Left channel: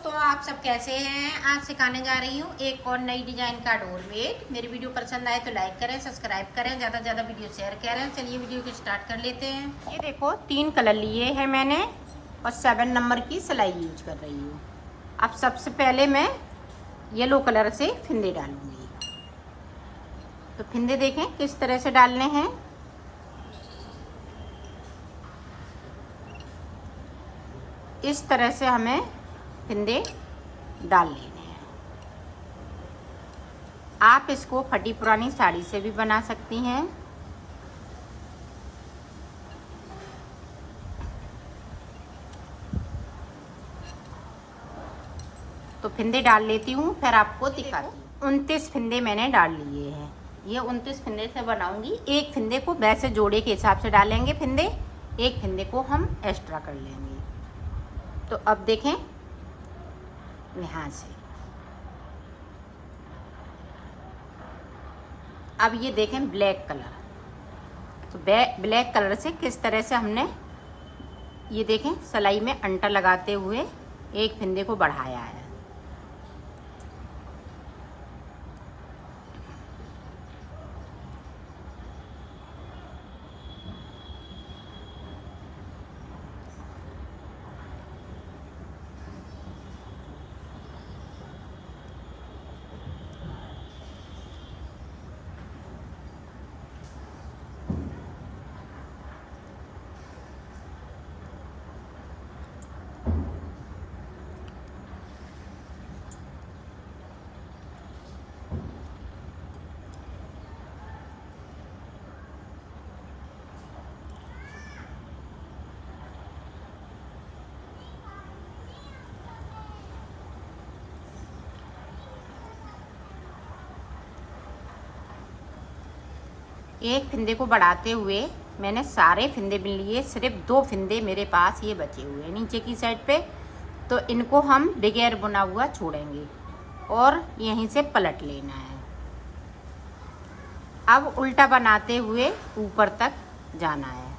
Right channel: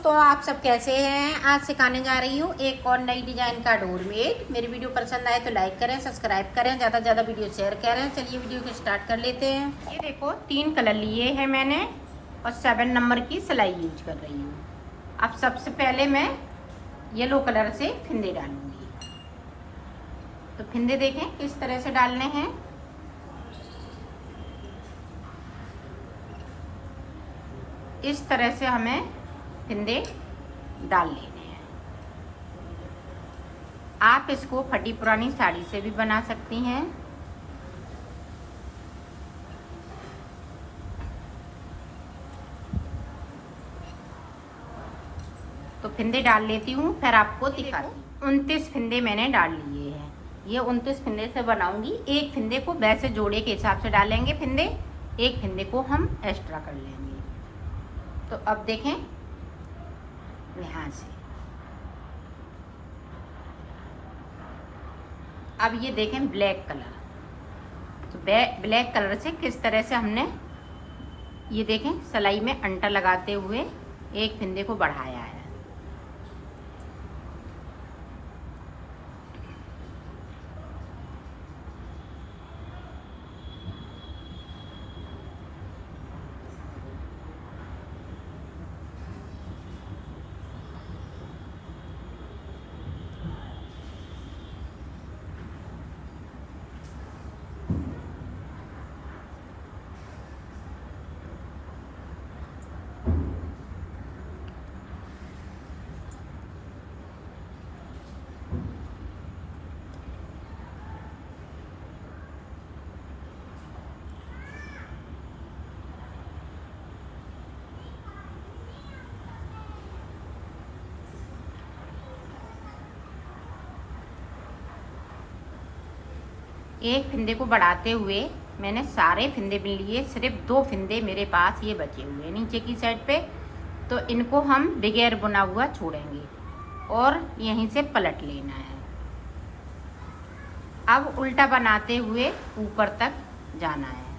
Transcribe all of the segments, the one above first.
दोस्तों, आप सब कैसे हैं। आज सिखाने जा रही हूँ एक और नई डिजाइन का डोरमेट। मेरी वीडियो पसंद आए तो लाइक करें, सब्सक्राइब करें, ज़्यादा से ज़्यादा वीडियो शेयर करें। चलिए वीडियो को स्टार्ट कर लेते हैं। ये देखो 3 कलर लिए हैं मैंने और 7 नंबर की सिलाई यूज कर रही हूँ। अब सबसे पहले मैं येलो कलर से फिंदे डालूंगी। तो फिंदे देखें किस तरह से डालने हैं। इस तरह से हमें फिंदे डाल लेने हैं। आप इसको फटी पुरानी साड़ी से भी बना सकती हैं। तो फिंदे डाल लेती हूँ, फिर आपको दिखाती हूँ। 29 फिंदे मैंने डाल लिए हैं। ये 29 फिंदे से बनाऊंगी। एक फिंदे को वैसे जोड़े के हिसाब से डालेंगे फिंदे, एक फिंदे को हम एक्स्ट्रा कर लेंगे। तो अब देखें यहाँ से, अब ये देखें ब्लैक कलर। तो ब्लैक कलर से किस तरह से हमने ये देखें सिलाई में अंटा लगाते हुए एक फिंदे को बढ़ाया है। एक फिंदे को बढ़ाते हुए मैंने सारे फिंदे बिन लिए, सिर्फ 2 फिंदे मेरे पास ये बचे हुए हैं नीचे की साइड पे। तो इनको हम बगैर बुना हुआ छोड़ेंगे और यहीं से पलट लेना है। अब उल्टा बनाते हुए ऊपर तक जाना है।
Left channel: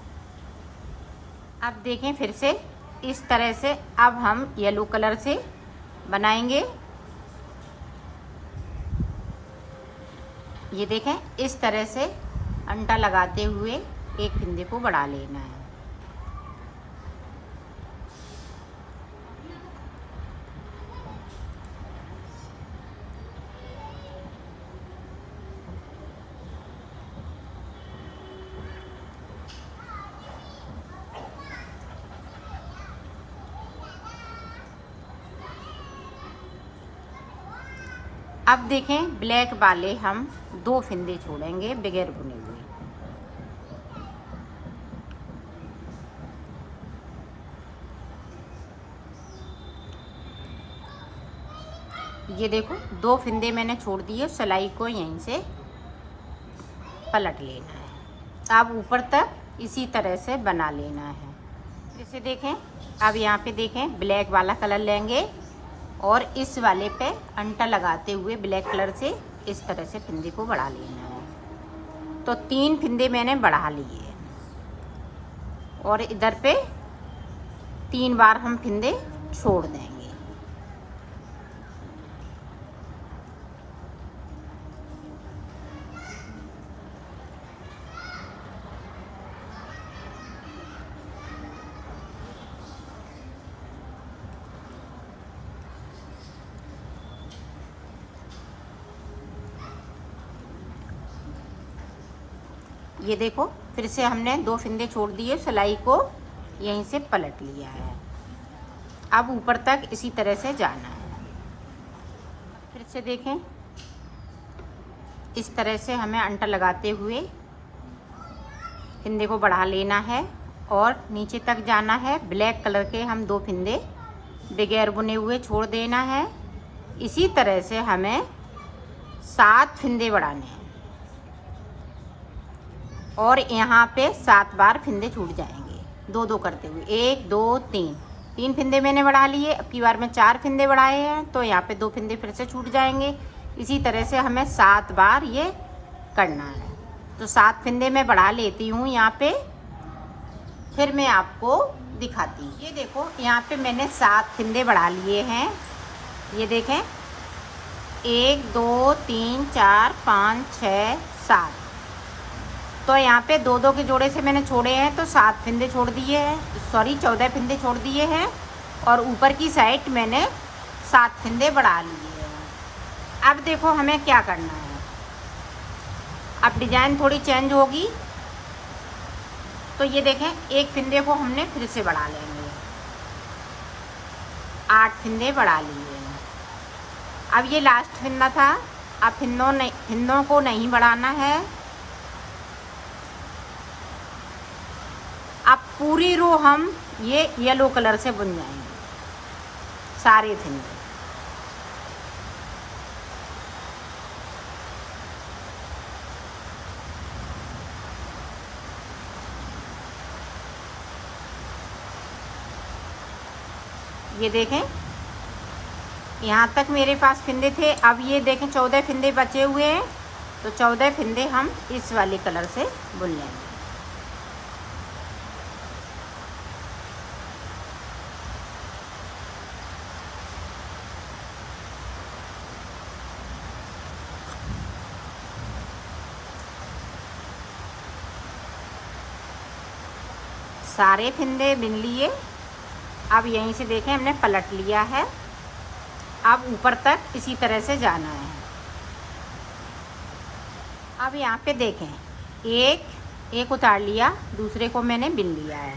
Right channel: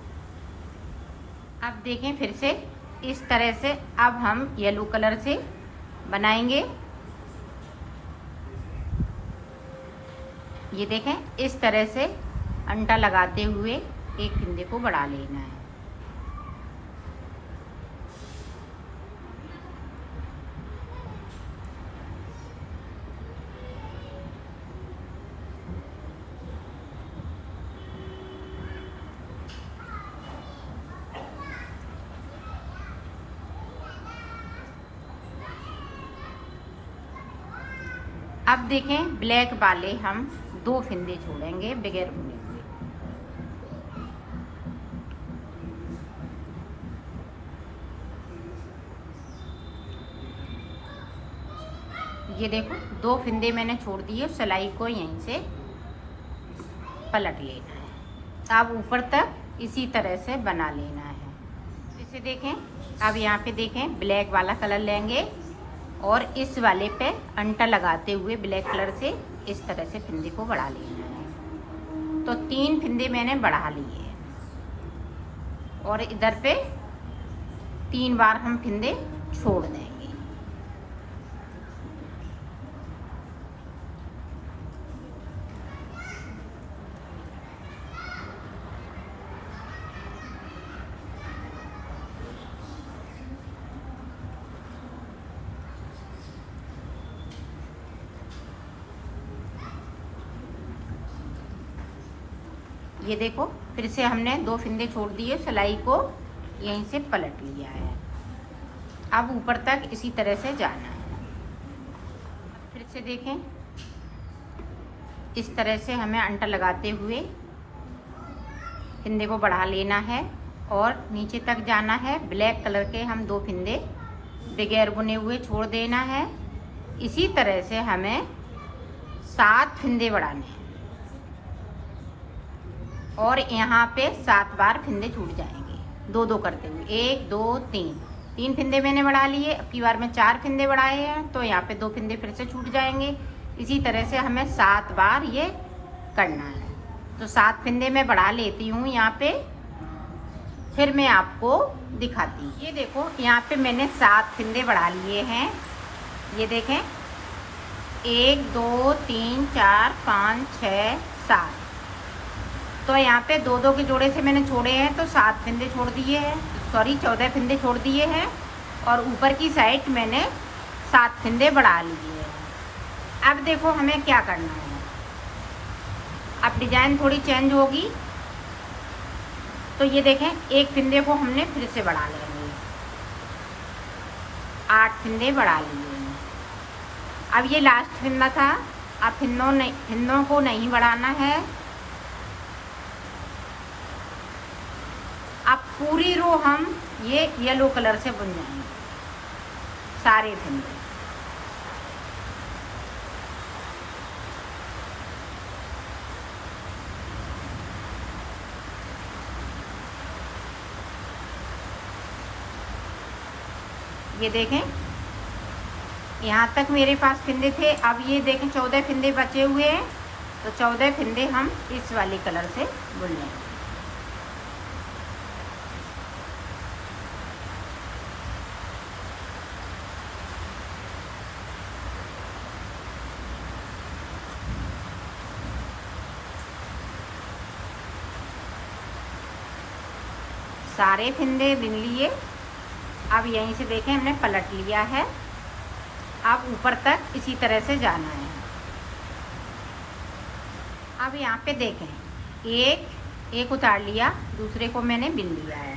अब देखें फिर से इस तरह से अब हम येलो कलर से बनाएंगे। ये देखें इस तरह से अंटा लगाते हुए एक फिंदे को बढ़ा लेना है। अब देखें ब्लैक वाले हम 2 फिंदे छोड़ेंगे बगैर बुने हुए। ये देखो 2 फिंदे मैंने छोड़ दिए, सिलाई को यहीं से पलट लेना है। अब ऊपर तक इसी तरह से बना लेना है। जैसे देखें अब यहाँ पे देखें ब्लैक वाला कलर लेंगे और इस वाले पे अंटा लगाते हुए ब्लैक कलर से इस तरह से फिंदे को बढ़ा लेना है। तो 3 फिंदे मैंने बढ़ा लिए और इधर पे 3 बार हम फिंदे छोड़ देंगे। ये देखो फिर से हमने 2 फिंदे छोड़ दिए, सिलाई को यहीं से पलट लिया है। अब ऊपर तक इसी तरह से जाना है। फिर से देखें इस तरह से हमें अंटा लगाते हुए फिंदे को बढ़ा लेना है और नीचे तक जाना है। ब्लैक कलर के हम 2 फिंदे बगैर बुने हुए छोड़ देना है। इसी तरह से हमें 7 फिंदे बढ़ाने हैं और यहाँ पे 7 बार फिंदे छूट जाएंगे 2-2 करते हुए। 1 2 3 फिंदे मैंने बढ़ा लिए। अब की बार में 4 फिंदे बढ़ाए हैं तो यहाँ पे 2 फिंदे फिर से छूट जाएंगे। इसी तरह से हमें 7 बार ये करना है। तो 7 फिंदे मैं बढ़ा लेती हूँ यहाँ पे, फिर मैं आपको दिखाती हूँ। ये देखो यहाँ पे मैंने 7 फिंदे बढ़ा लिए हैं ये देखें 1 2 3 4 5 6 7। तो यहाँ पे 2 2 के जोड़े से मैंने छोड़े हैं तो 7 फिंदे छोड़ दिए हैं, सॉरी 14 फिंदे छोड़ दिए हैं। और ऊपर की साइड मैंने 7 फिंदे बढ़ा लिए हैं। अब देखो हमें क्या करना है। अब डिज़ाइन थोड़ी चेंज होगी तो ये देखें एक फिंदे को हमने फिर से बढ़ा लेंगे। 8 फिंदे बढ़ा लिए हैं। अब ये लास्ट फिंदा था, अब फिंदों को नहीं बढ़ाना है। अब पूरी रो हम ये येलो कलर से बुन जाएंगे सारे फिंदे। ये देखें यहाँ तक मेरे पास फिंदे थे। अब ये देखें 14 फिंदे बचे हुए हैं तो 14 फिंदे हम इस वाले कलर से बुन लेंगे। सारे फिंदे बुन लिए। अब यहीं से देखें हमने पलट लिया है। अब ऊपर तक इसी तरह से जाना है। अब यहाँ पे देखें एक उतार लिया, दूसरे को मैंने बिन लिया है।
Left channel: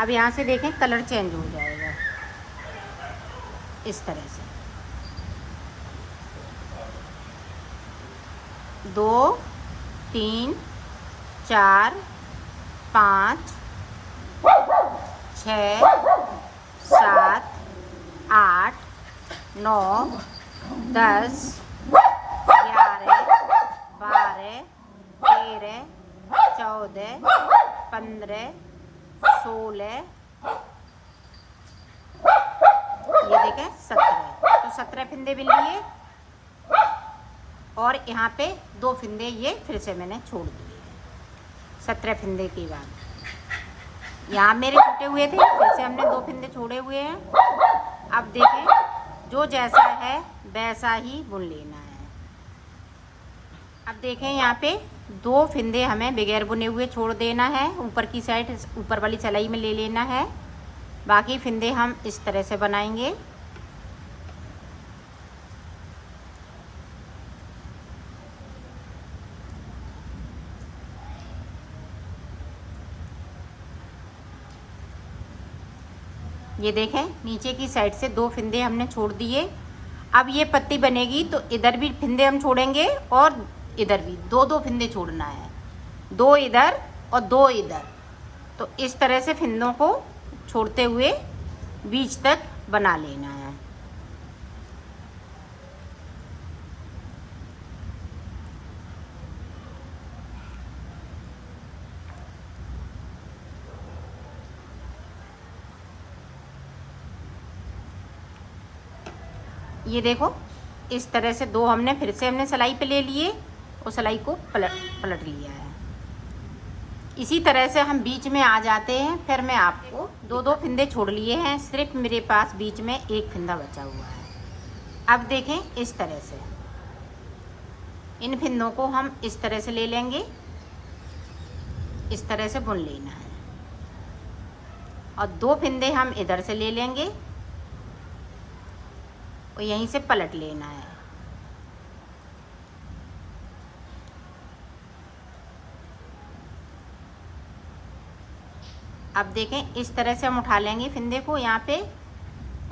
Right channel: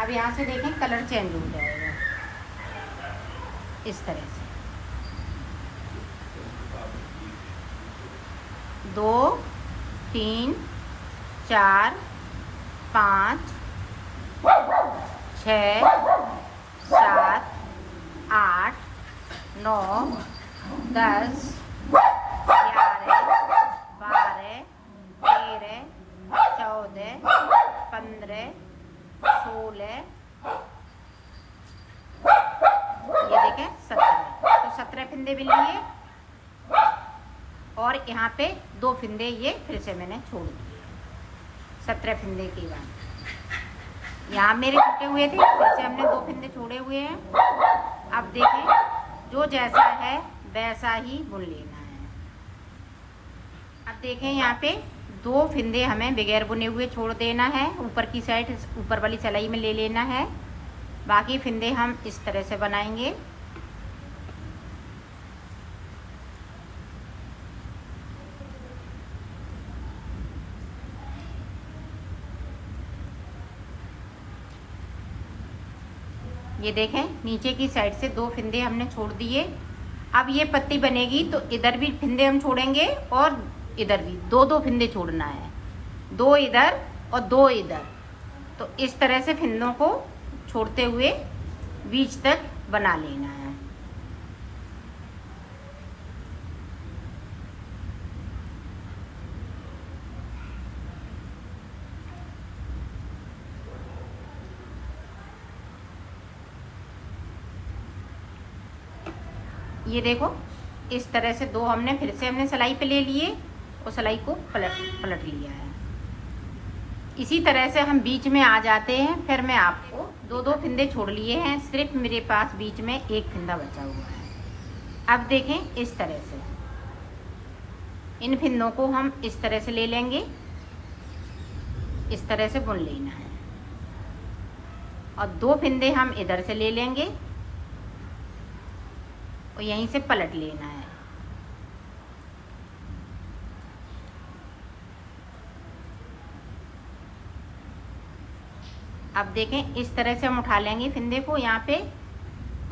अब यहाँ से देखें कलर चेंज हो जाएगा इस तरह से। 2 3 4 5 6 7 8 9 10 11 12 13 14 15 16 ये देखें 17। तो 17 फिंदे बिन लिए और यहाँ पे 2 फिंदे ये फिर से मैंने छोड़ दिए। 17 फिंदे के बाद यहाँ मेरे छूटे हुए थे, फिर से हमने 2 फिंदे छोड़े हुए हैं। अब देखें जो जैसा है वैसा ही बुन लेना है। अब देखें यहाँ पे 2 फिंदे हमें बगैर बुने हुए छोड़ देना है। ऊपर की साइड ऊपर वाली सिलाई में ले लेना है। बाकी फिंदे हम इस तरह से बनाएंगे। ये देखें नीचे की साइड से 2 फिंदे हमने छोड़ दिए। अब ये पत्ती बनेगी तो इधर भी फिंदे हम छोड़ेंगे और इधर भी 2 फिंदे छोड़ना है। 2 इधर और 2 इधर। तो इस तरह से फिंदों को छोड़ते हुए बीच तक बना लेना है। ये देखो इस तरह से 2 हमने फिर से सिलाई पे ले लिए और सिलाई को पलट लिया है। इसी तरह से हम बीच में आ जाते हैं। फिर मैं आपको 2 फिंदे छोड़ लिए हैं, सिर्फ मेरे पास बीच में 1 फिंदा बचा हुआ है। अब देखें इस तरह से इन फिंदों को हम इस तरह से ले लेंगे, इस तरह से बुन लेना है। और 2 फिंदे हम इधर से ले लेंगे और यहीं से पलट लेना है। अब देखें इस तरह से हम उठा लेंगे फिंदे को यहाँ पे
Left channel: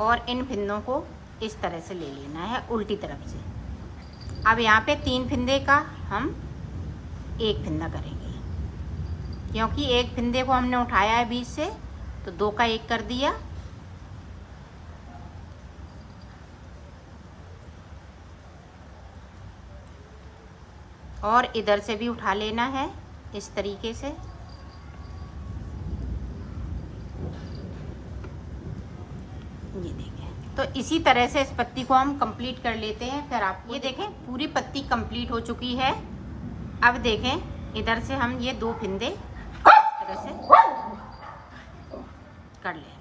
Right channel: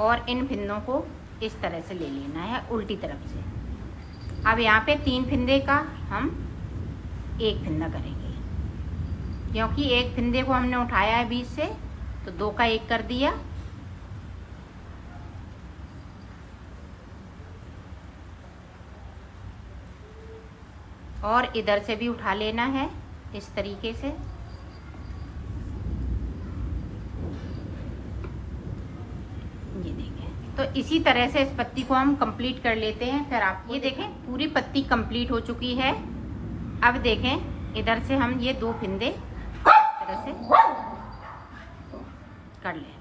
और इन फिंदों को इस तरह से ले लेना है उल्टी तरफ से। अब यहाँ पे 3 फिंदे का हम 1 फिंदा करेंगे, क्योंकि 1 फिंदे को हमने उठाया है बीच से तो 2 का 1 कर दिया। और इधर से भी उठा लेना है इस तरीके से। ये देखें तो इसी तरह से इस पत्ती को हम कंप्लीट कर लेते हैं। फिर आप ये देखें पूरी पत्ती कंप्लीट हो चुकी है। अब देखें इधर से हम ये 2 फिंदे इस तरह से कर लेंगे।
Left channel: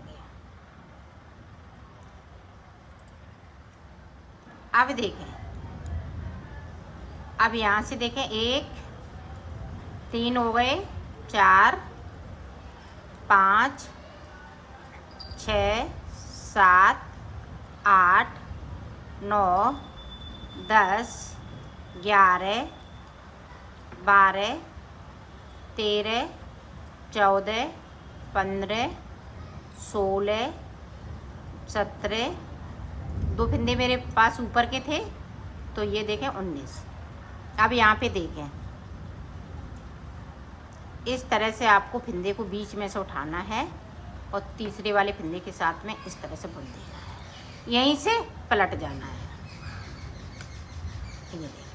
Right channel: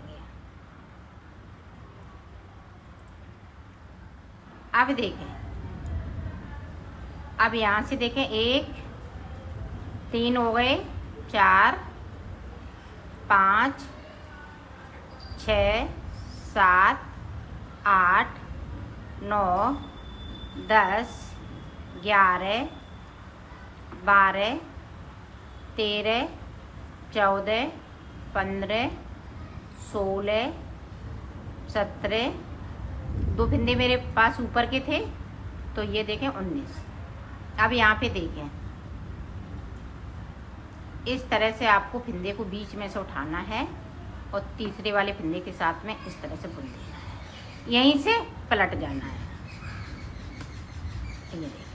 अब देखें, अब यहाँ से देखें, 1 3 हो गए, 4 5 6 7 8 9 10 11 12 13 14 15 16 17, 2 फंदे मेरे पास ऊपर के थे तो ये देखें 19। अब यहाँ पे देखें, इस तरह से आपको फंदे को बीच में से उठाना है और तीसरे वाले फंदे के साथ में इस तरह से बुन देना है, यहीं से पलट जाना है। ये देखिए,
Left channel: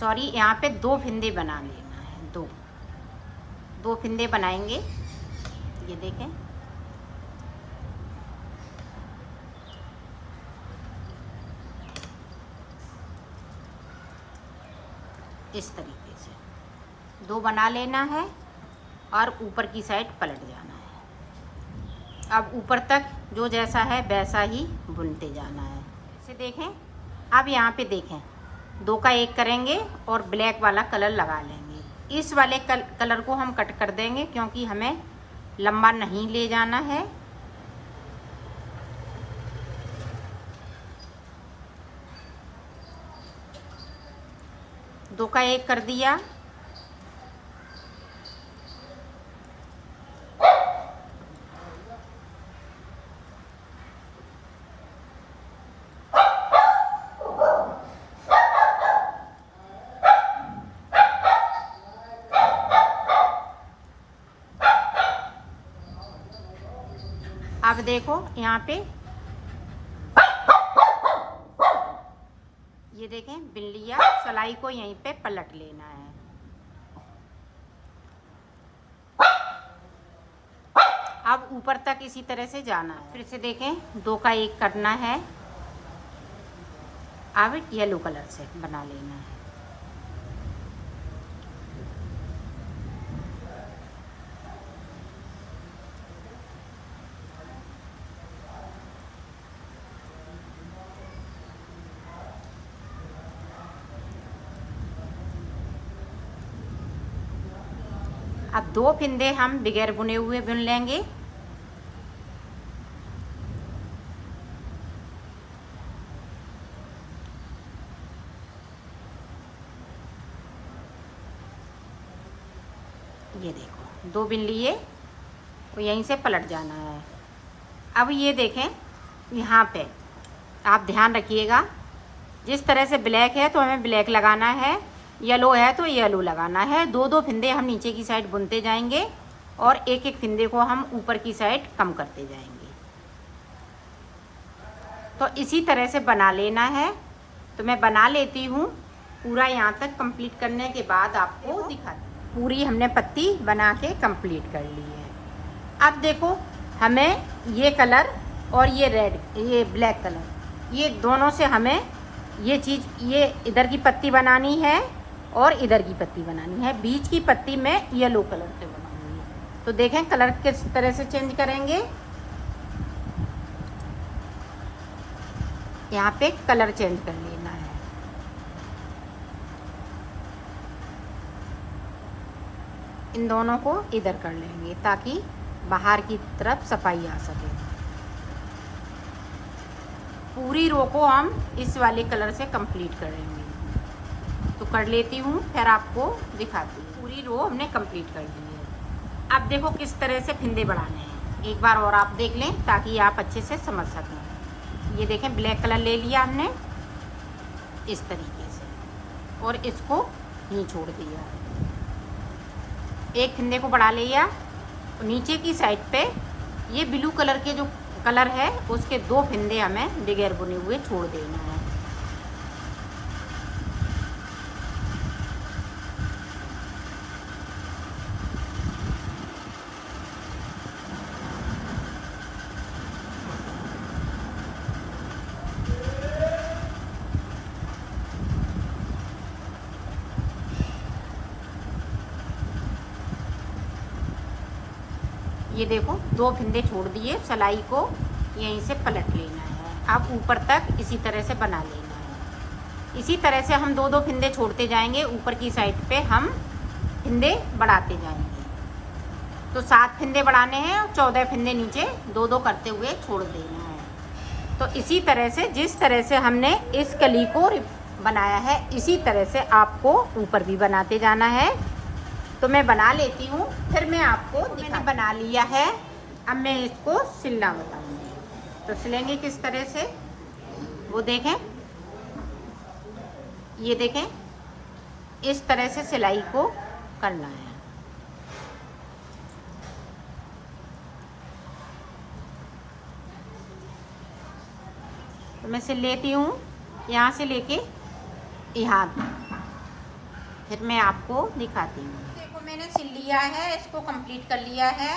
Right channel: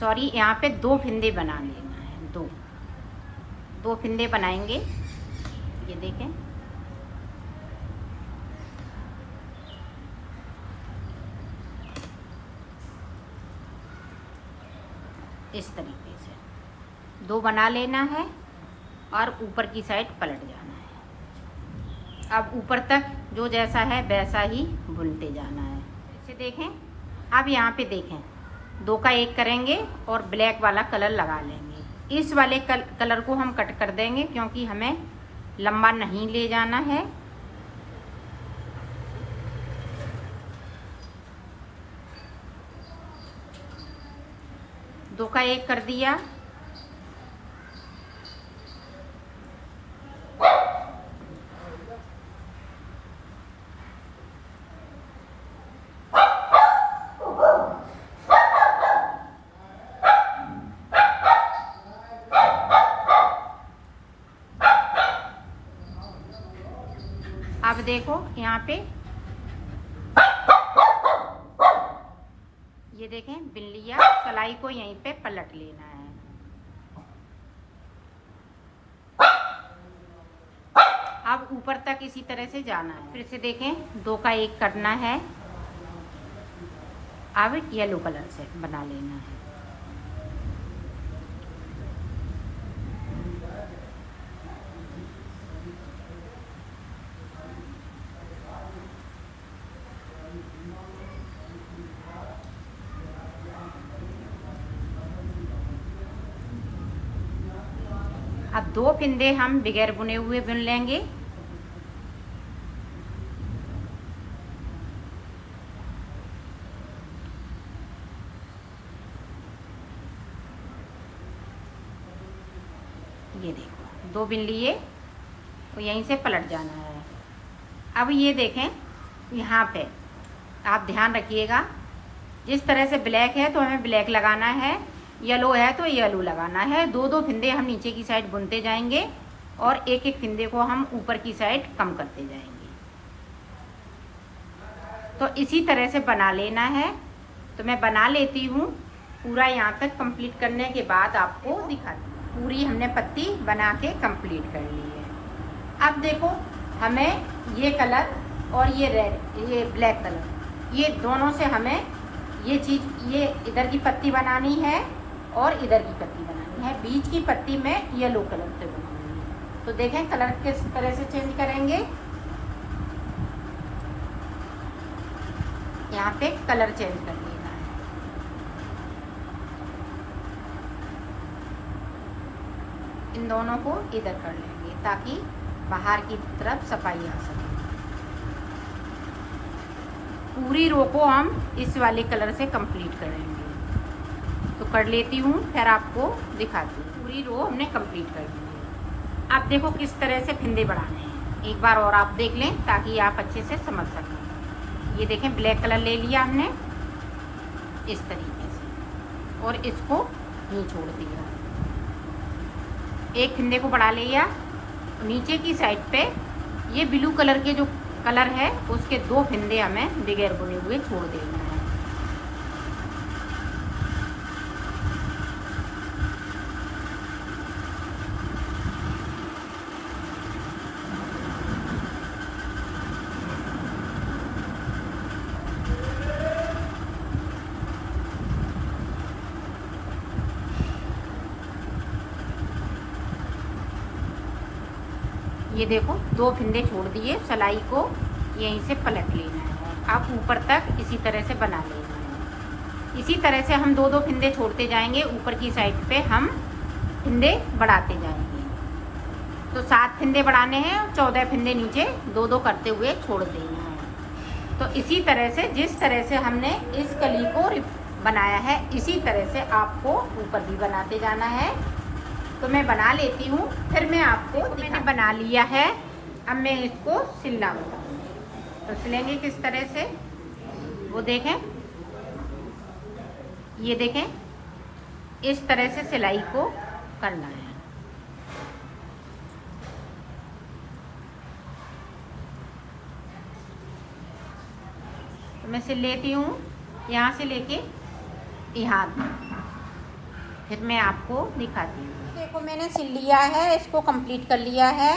सॉरी, यहाँ पे 2 फंदे बना लेना है, 2 फंदे बनाएंगे। ये देखें, इस तरीके से 2 बना लेना है और ऊपर की साइड पलट जाना है। अब ऊपर तक जो जैसा है वैसा ही बुनते जाना है। इसे देखें, अब यहाँ पे देखें, 2 का 1 करेंगे और ब्लैक वाला कलर लगा लेंगे। इस वाले कलर को हम कट कर देंगे क्योंकि हमें लंबा नहीं ले जाना है। दो का 1 कर दिया। अब देखो यहाँ पे ये देखें, बिन लिया, सलाई को यहीं पे पलट लेना है। अब ऊपर तक इसी तरह से जाना है। फिर से देखें, 2 का 1 करना है। अब येलो कलर से बना लेना है। अब 2 फंदे हम बगैर बुने हुए बुन लेंगे। ये देखो, 2 बिन लिए और यहीं से पलट जाना है। अब ये देखें, यहाँ पे आप ध्यान रखिएगा, जिस तरह से ब्लैक है तो हमें ब्लैक लगाना है, येलो है तो येलो लगाना है। 2 फंदे हम नीचे की साइड बुनते जाएंगे और एक फंदे को हम ऊपर की साइड कम करते जाएंगे। तो इसी तरह से बना लेना है। तो मैं बना लेती हूँ, पूरा यहाँ तक कंप्लीट करने के बाद आपको दिखाती हूँ। पूरी हमने पत्ती बना के कंप्लीट कर ली है। अब देखो, हमें ये कलर और ये रेड, ये ब्लैक कलर, ये दोनों से हमें ये चीज़, ये इधर की पत्ती बनानी है और इधर की पत्ती बनानी है। बीच की पत्ती में येलो कलर से बनानी है। तो देखें कलर किस तरह से चेंज करेंगे। यहाँ पे कलर चेंज कर लेना है। इन दोनों को इधर कर लेंगे ताकि बाहर की तरफ सफाई आ सके। पूरी रो को हम इस वाले कलर से कंप्लीट करेंगे। तो कर लेती हूँ, फिर आपको दिखाती हूँ। पूरी रो हमने कंप्लीट कर ली है। अब देखो किस तरह से फंदे बढ़ाने हैं, एक बार और आप देख लें ताकि आप अच्छे से समझ सकें। ये देखें, ब्लैक कलर ले लिया हमने इस तरीके से और इसको नहीं छोड़ दिया। एक फंदे को बढ़ा लिया। नीचे की साइड पे ये ब्लू कलर के जो कलर है उसके 2 फंदे हमें बगैर बुने हुए छोड़ देना है। ये देखो 2 फिंदे छोड़ दिए, सिलाई को यहीं से पलट लेना है। अब ऊपर तक इसी तरह से बना लेना है। इसी तरह से हम 2-2 फिंदे छोड़ते जाएंगे, ऊपर की साइड पे हम फिंदे बढ़ाते जाएंगे। तो 7 फिंदे बढ़ाने हैं और 14 फिंदे नीचे 2-2 करते हुए छोड़ देना है। तो इसी तरह से जिस तरह से हमने इस कली को बनाया है, इसी तरह से आपको ऊपर भी बनाते जाना है। तो मैं बना लेती हूँ, फिर मैं आपको मैंने बना लिया है। अब मैं इसको सिलना बताऊँगी। तो सिलेंगे किस तरह से, वो देखें, ये देखें, इस तरह से सिलाई को करना है। तो मैं सिल लेती हूँ यहाँ से लेके यहाँ तक, फिर मैं आपको दिखाती हूँ। देखो मैंने सिल लिया है, इसको कंप्लीट कर लिया है।